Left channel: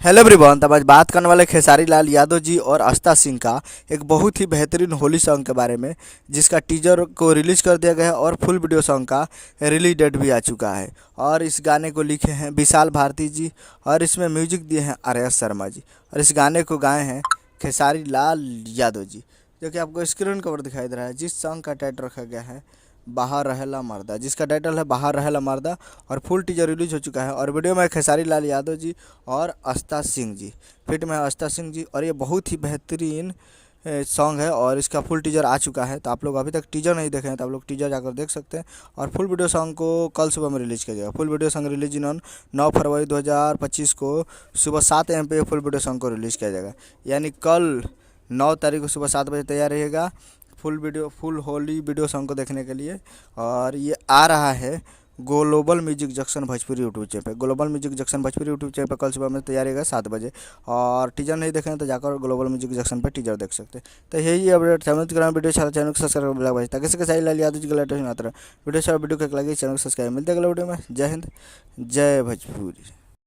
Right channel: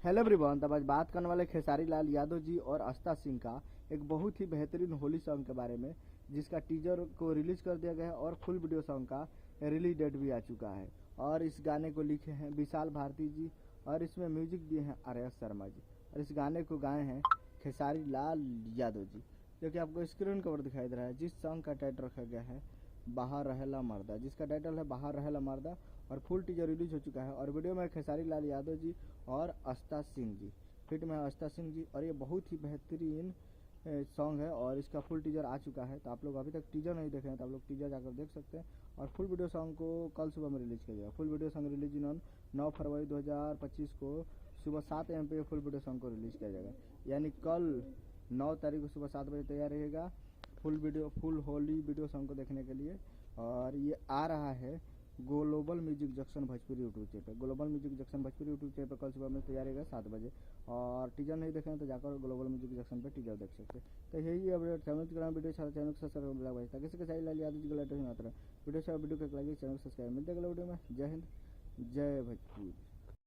Hello everyone. तब आज बात करने वाले खेसारी लाल यादव जी और आस्था सिंह का एक बहुत ही बेहतरीन होली सॉन्ग के बारे में, जिसका टीजर को रिलीज कर दिया गया है और फुल वीडियो सॉन्ग का रिलीज डेट भी आ चुका है। और इस गाने को लिखे हैं विशाल भारती जी और इसमें म्यूजिक दिए हैं आर्यस शर्मा जी और इस गाने को गाए हैं खेसारी लाल यादव जी, जो कि आपको स्क्रीन कवर दिखाई दे रहा है। जिस सॉन्ग का टाइटल रखा गया है बाहर रहेला मर्दा, जिसका टाइटल है बाहर रहेला मर्दा और फुल टीजर रिलीज हो चुका है। और वीडियो में खेसारी लाल यादव जी और आस्था सिंह जी, फिट में है आस्था सिंह जी। और ये बहुत ही बेहतरीन सॉन्ग है और इसका फुल टीजर आ चुका है। तो आप लोग अभी तक टीजर नहीं देखे हैं तो आप लोग टीजर जाकर देख सकते हैं। और फुल वीडियो सॉन्ग को कल सुबह में रिलीज किया जाएगा। फुल वीडियो सॉन्ग रिलीज इन 9 फरवरी 2025 को सुबह 7 AM पे फुल वीडियो सॉन्ग को रिलीज़ किया जाएगा। यानी कल 9 तारीख को सुबह 7 बजे तैयार रहेगा फुल होली वीडियो सॉन्ग को देखने के लिए। और ये आ रहा है global music junction Bhojpuri YouTube channel पे। Global music junction Bhojpuri YouTube channel पर कल सुबह में तैयार रहेगा 7 बजे। और टीजर नहीं देखें तो जाकर ग्लोबल म्यूजिक जंक्शन पर टीजर देख सकते हैं। तो यही अपडेट वीडियो चैनल को सब्सक्राइब ताकि से लाल यादव जी का लेटेस्ट वीडियो वीडियो को लगे चैनल को सब्सक्राइब। मिलते हैं अगले वीडियो में। जय हिंद, जय भोजपुरी।